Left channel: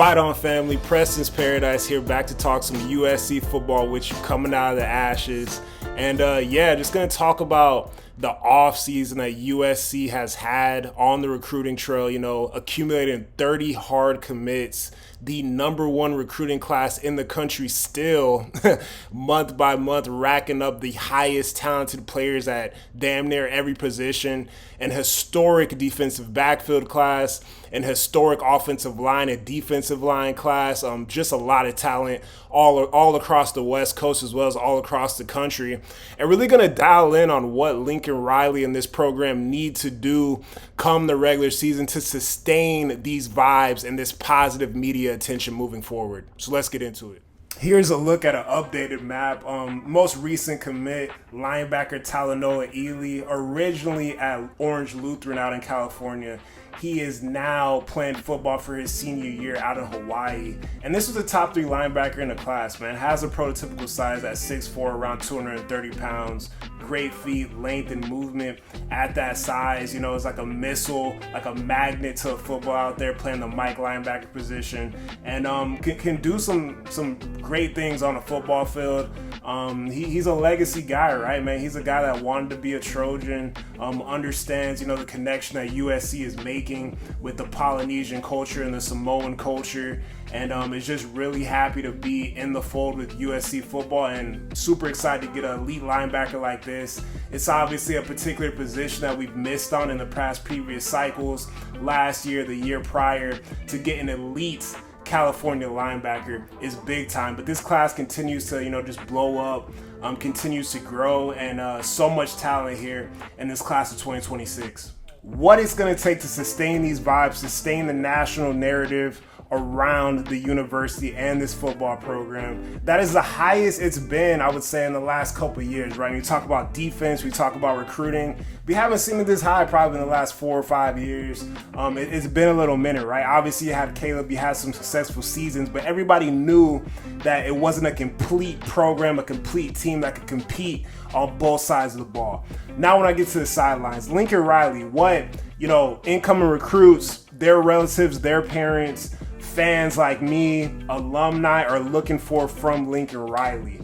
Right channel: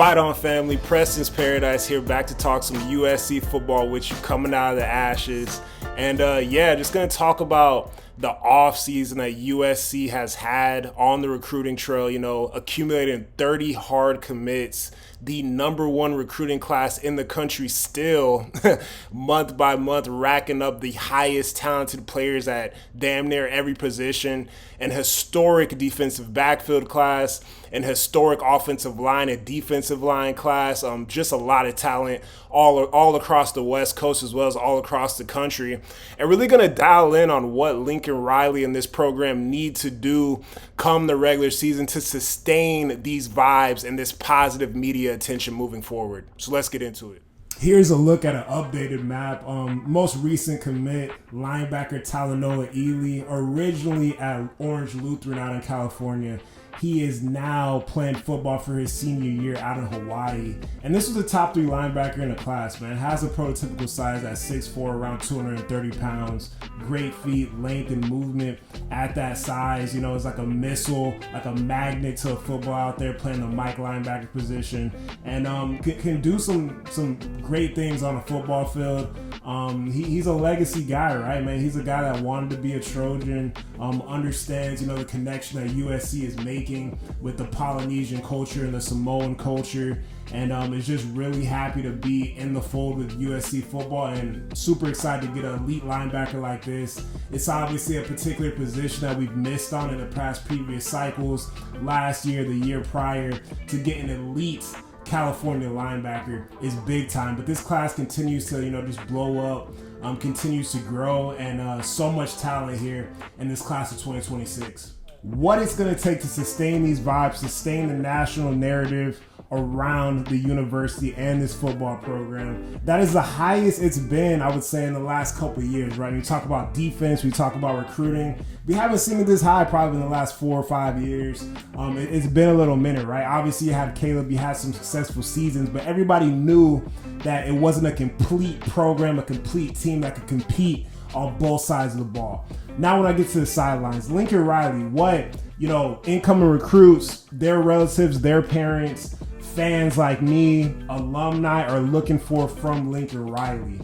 Fight on, family. Preston's Paradise here, back to talk some USC football with you, coming out of the ashes. And just going to talk about the offseason that USC has had on the recruiting trail, accumulating 30 hard commits, the #1 recruiting class in the country still, month by month, racking up the highest talented players at damn near every position, an historic defensive backfield class, an historic offensive line and defensive line class, just a lot of talent all across the West Coast as well as all across the country. And really going to dial in on what Lincoln Riley and this program need to do come the regular season to sustain these vibes and this positive media attention moving forward. So let's get into it. Here's a look at an updated map. Most recent commit, linebacker Talenoa Elely, originally at Orange Lutheran out in California. He is now playing football for his senior year out in Hawaii. And this was a top 3 linebacker in the class, man. Has a prototypical size at 6'4", around 230 pounds. Great feet, length, and movement at that size. It's like a missile, like a magnet to a football out there, playing the Mike linebacker position. And can do some great things on the football field. He's a legacy guy, right, man? He's a guy that wanted to be a Trojan, understands, the connection that USC is making with the Polynesian culture and the Samoan culture, and is just really happy to be in the fold with USC football, and super excited to get an elite linebacker like this. It's obviously a particular position that we've missed on in the previous cycles, last year, the year prior. To get an elite California linebacker is big time, but this class continues to just blow up, continues to grow, and so much talent here in this class of 2026. What it's going to take to sustain these vibes, sustain the national narrative around the university and this football program. That is the highest it's been, I would say, in the last couple of years, right? We talk about defense, we talk about recruiting. We haven't seen it this high probably in the last 4 or 5 years. It's been a little minute, right? Obviously, you have Caleb, you had some successful seasons, but everybody knew that it wasn't a complete program, a complete team that could compete on both sides of the ball. Now when I get to the sidelines, Lincoln Riley, what, incoming recruits, their relatives, their parents, fans like me, alumni are looking for from Lincoln Riley.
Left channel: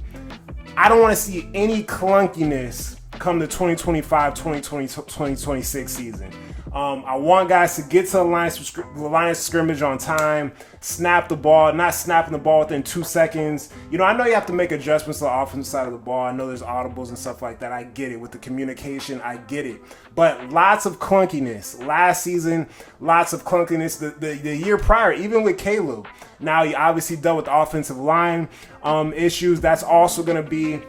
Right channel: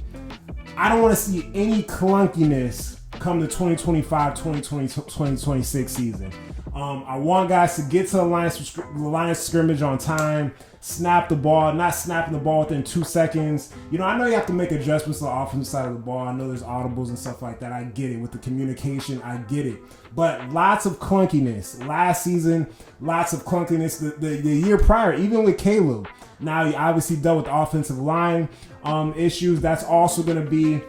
I don't want to see any clunkiness come the 2025-2026 season. I want guys to get to the line of scrimmage on time, snap the ball, not snapping the ball within 2 seconds. I know you have to make adjustments to the offensive side of the ball. I know there's audibles and stuff like that. I get it. With the communication, I get it. But lots of clunkiness. Last season, lots of clunkiness. The year prior, even with Caleb. Now, you obviously dealt with the offensive line issues. That's also going to be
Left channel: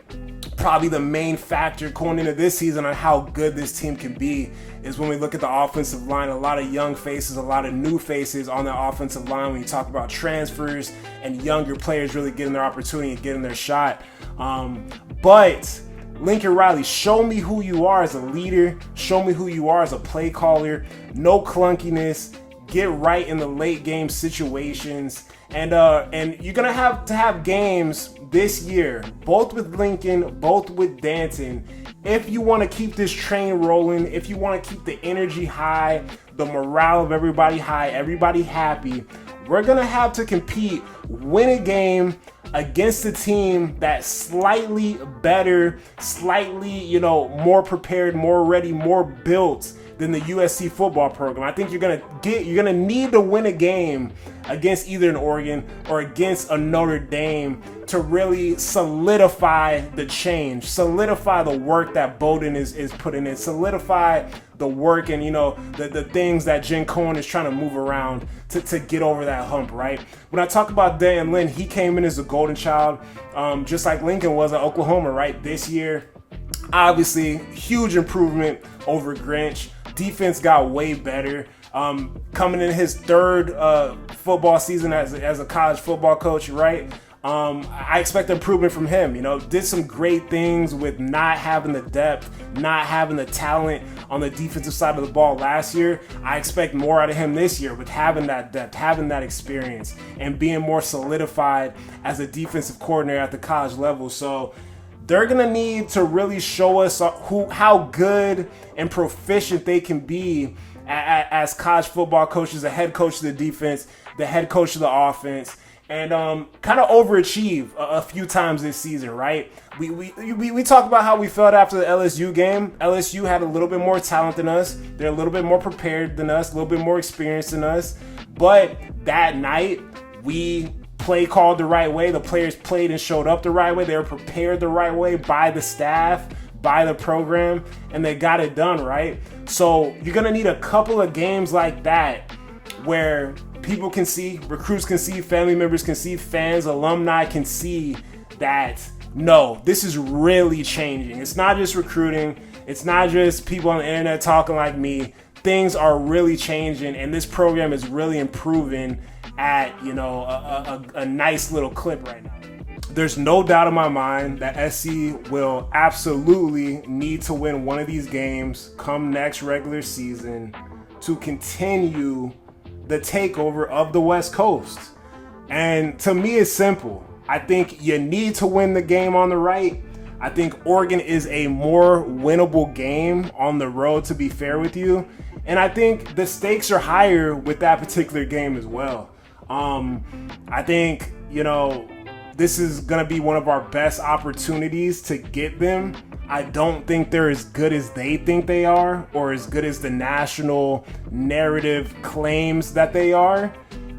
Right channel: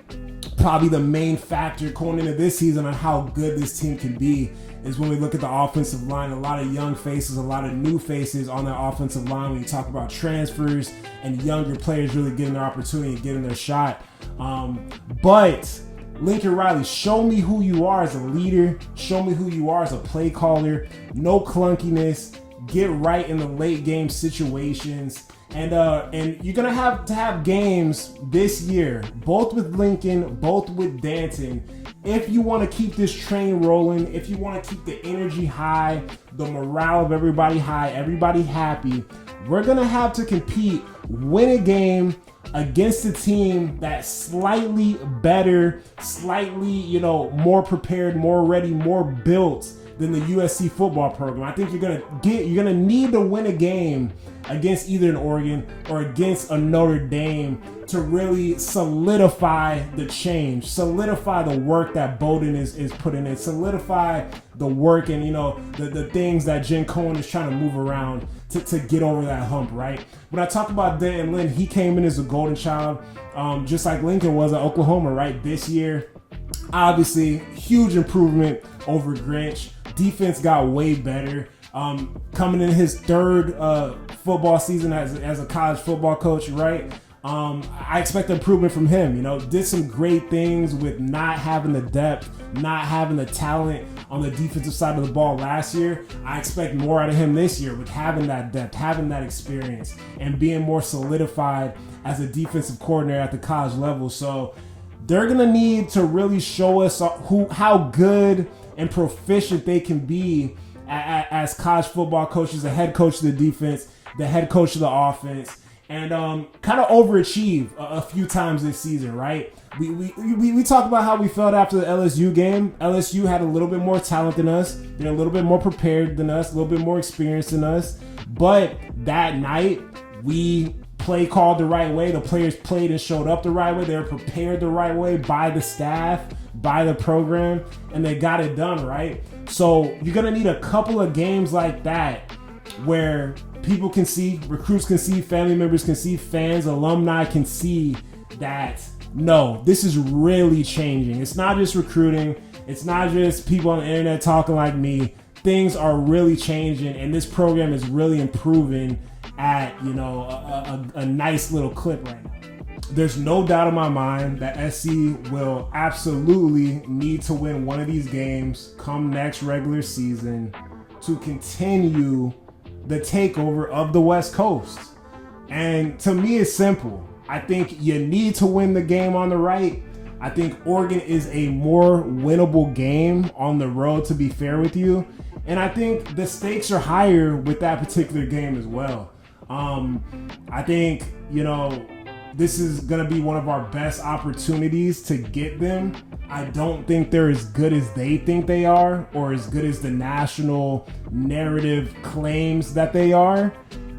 probably the main factor going into this season on how good this team can be, is when we look at the offensive line. A lot of young faces, a lot of new faces on the offensive line when you talk about transfers and younger players really getting their opportunity and getting their shot. But Lincoln Riley, show me who you are as a leader. Show me who you are as a play caller. No clunkiness. Get right in the late game situations. And you're going to have games this year, both with Lincoln, both with Danton. If you want to keep this train rolling, if you want to keep the energy high, the morale of everybody high, everybody happy, we're going to have to compete, win a game against a team that's slightly better, slightly, more prepared, more ready, more built than the USC football program. I think you're gonna need to win a game against either an Oregon or against a Notre Dame to really solidify the change, solidify the work that Bowden is putting in, solidify the work and the things that Jen Cohen is trying to move around to get over that hump, right? When I talk about Dan Lynn, he came in as a golden child, just like Lincoln was at Oklahoma, right? This year, obviously, huge improvement over Grinch. Defense got way better. Coming in his 3rd football season as a college football coach, right? I expect improvement from him. Did some great things with not having the depth, not having the talent on the defensive side of the ball last year. I expect more out of him this year with having that depth, having that experience, and being more solidified as a defensive coordinator at the college level. So they're going to need to really show us how good and proficient they can be as college football coaches, the head coach of the defense, the head coach of the offense, and kind of overachieve a few times this season, right? We talk about how we felt after the LSU game. LSU had a little bit more talent than us. They're a little bit more prepared than us, a little bit more experienced than us. But that night, we play called the right way. The players played and showed up the right way. They were prepared the right way by the staff, by the program, and they got it done, right? So you're going to need a couple of games like that where people can see, recruits can see, family members can see, fans, alumni can see that, no, this is really changing. It's not just recruiting. It's not just people on the internet talking like me. Things are really changing, and this program is really improving at, a nice little clip right now. There's no doubt in my mind that SC will absolutely need to win one of these games come next regular season to continue the takeover of the West Coast. And to me, it's simple. I think you need to win the game on the right. I think Oregon is a more winnable game on the road, to be fair with you. And I think the stakes are higher with that particular game as well. I think, this is going to be one of our best opportunities to get them. I don't think they're as good as they think they are, or as good as the national narrative claims that they are.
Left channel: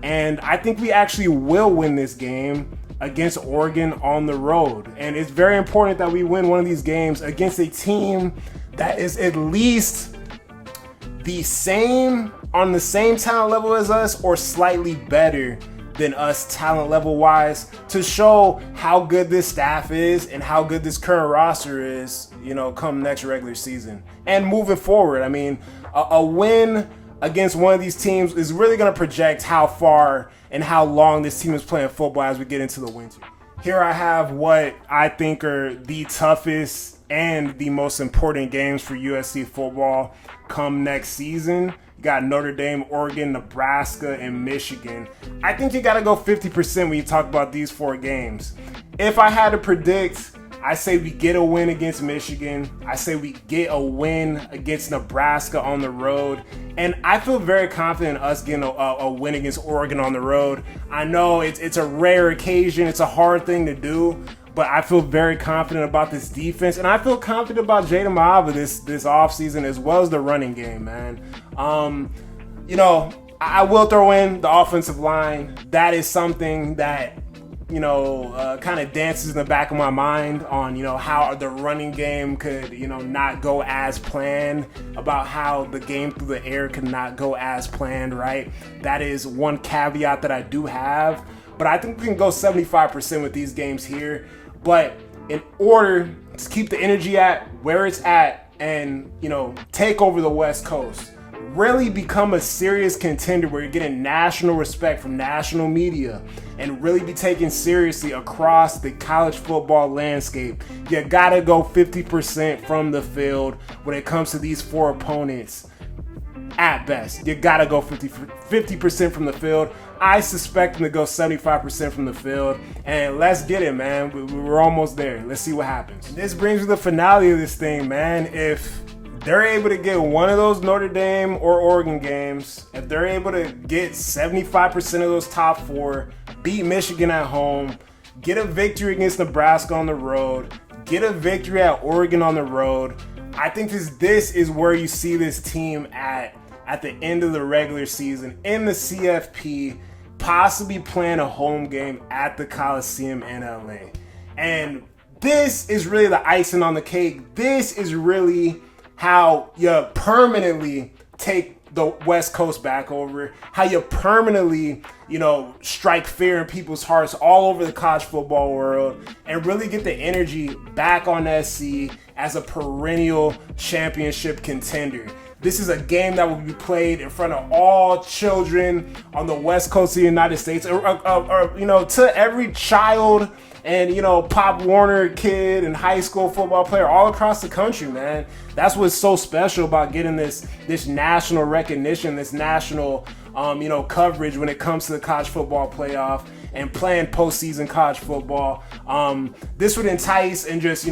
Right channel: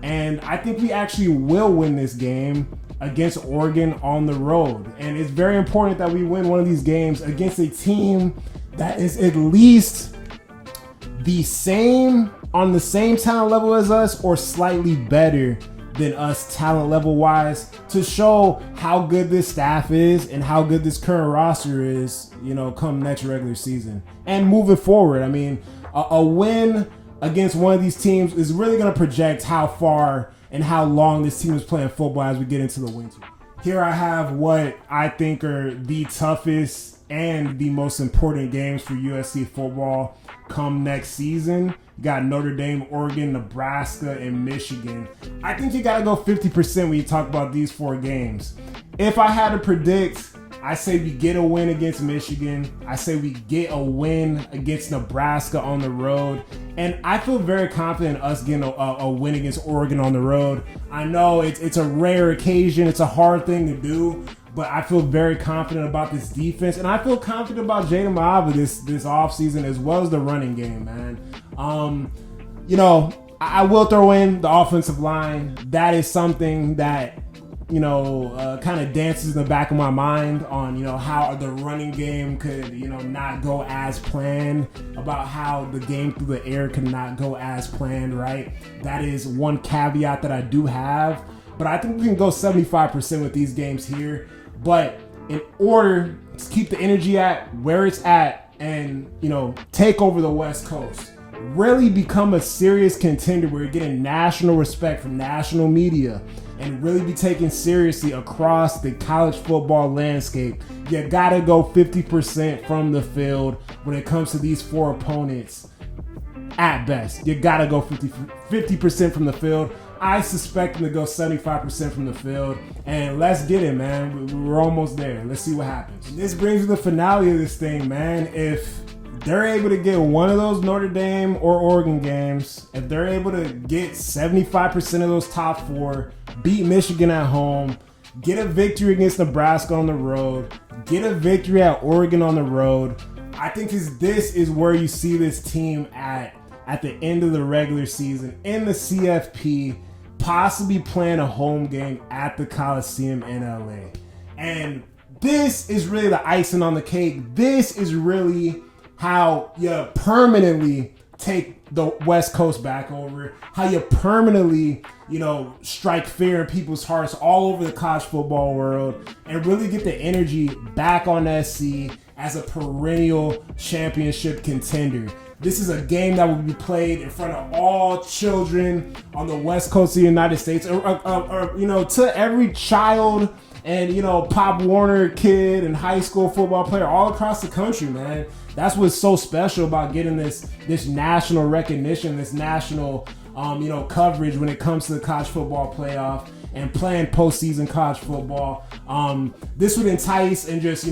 And I think we actually will win this game against Oregon on the road. And it's very important that we win one of these games against a team that is at least on the same talent level as us, or slightly better than us talent level wise, to show how good this staff is and how good this current roster is, come next regular season and moving forward. I mean, a win against one of these teams is really going to project how far and how long this team is playing football as we get into the winter. Here I have what I think are the toughest and the most important games for USC football come next season. You got Notre Dame, Oregon, Nebraska, and Michigan. I think you got to go 50% when you talk about these 4 games. If I had to predict, I say we get a win against Michigan. I say we get a win against Nebraska on the road. And I feel very confident in us getting a win against Oregon on the road. I know it's a rare occasion. It's a hard thing to do. But I feel very confident about this defense. And I feel confident about Jaden Mahava this offseason, as well as the running game, man. I will throw in the offensive line. That is something that, kind of dances in the back of my mind on, how the running game could, not go as planned, about how the game through the air could not go as planned, right? That is one caveat that I do have. But I think we can go 75% with these games here. But in order to keep the energy at where it's at and, take over the West Coast, really become a serious contender where you're getting national respect from national media and really be taken seriously across the college football landscape, you gotta go 50% from the field when it comes to these 4 opponents. At best, you gotta go 50% from the field. I suspect them to go 75% from the field. And let's get it, man. We're almost there. Let's see what happens. This brings me to the finale of this thing, man. If they're able to get one of those Notre Dame or Oregon games, if they're able to get 75% of those top 4, beat Michigan at home, get a victory against Nebraska on the road, get a victory at Oregon on the road, I think this is where you see this team at the end of the regular season in the CFP, possibly playing a home game at the Coliseum in LA. And this is really the icing on the cake. This is really how you permanently take the West Coast back over, how you permanently, strike fear in people's hearts all over the college football world and really get the energy back on SC as a perennial championship contender. This is a game that will be played in front of all children on the West Coast of the United States, or to every child and, Pop Warner kid and high school football player all across the country, man. That's what's so special about getting this national recognition, this national, coverage when it comes to the college football playoff and playing postseason college football. This would entice and just,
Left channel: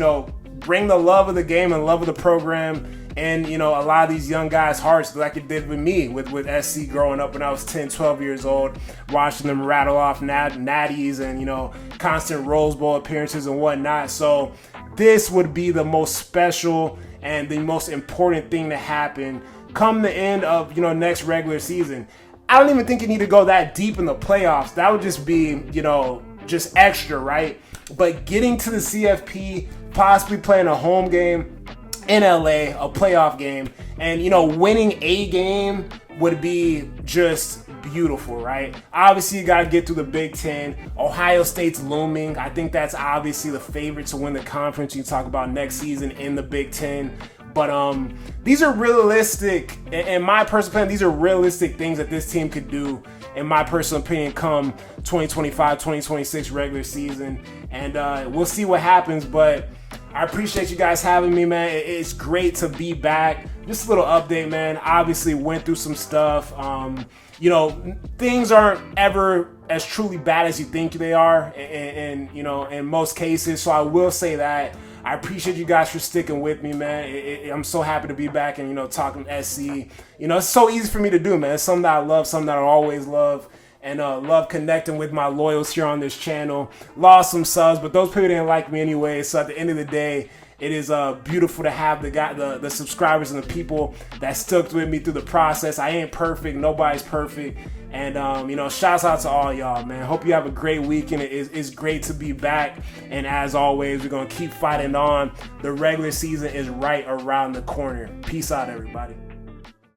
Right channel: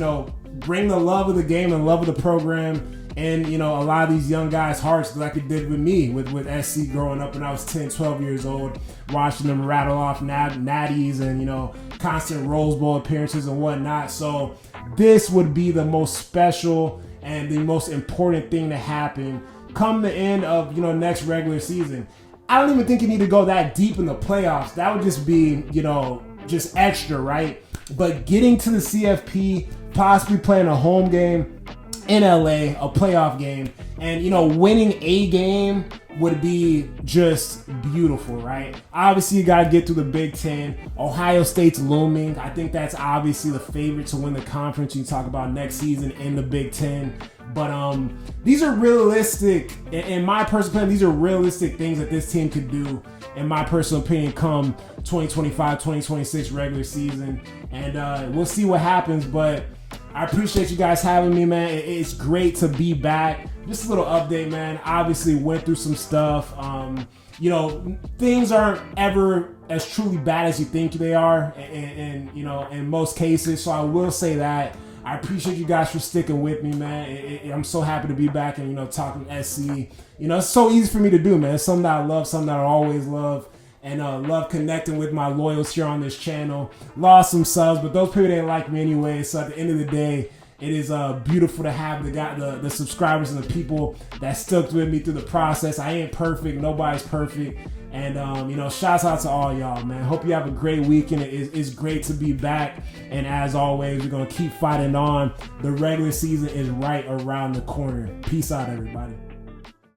bring the love of the game and love of the program in, you know, a lot of these young guys' hearts, like it did with me with SC growing up when I was 10, 12 years old, watching them rattle off natties and, you know, constant Rose Bowl appearances and whatnot. So this would be the most special and the most important thing to happen come the end of, you know, next regular season. I don't even think you need to go that deep in the playoffs. That would just be, you know, just extra, right? But getting to the CFP, possibly playing a home game in LA, a playoff game, and, you know, winning a game would be just beautiful, right? Obviously, you got to get through the Big Ten. Ohio State's looming. I think that's obviously the favorite to win the conference. You talk about next season in the Big Ten. But these are realistic, in my personal opinion, these are realistic things that this team could do, in my personal opinion, come 2025, 2026 regular season. And we'll see what happens, but I appreciate you guys having me, man. It's great to be back. Just a little update, man. Obviously went through some stuff. You know, things aren't ever as truly bad as you think they are, and you know, in most cases. So I will say that. I appreciate you guys for sticking with me, man. I'm so happy to be back and, you know, talking SC. You know, it's so easy for me to do, man. It's something that I love, something that I always love. And love connecting with my loyals here on this channel. Lost some subs, but those people didn't like me anyway. So at the end of the day, it is beautiful to have the subscribers and the people that stuck with me through the process. I ain't perfect. Nobody's perfect. And, you know, shouts out to all y'all, man. Hope you have a great weekend. It's great to be back. And as always, we're going to keep fighting on. The regular season is right around the corner. Peace out, everybody.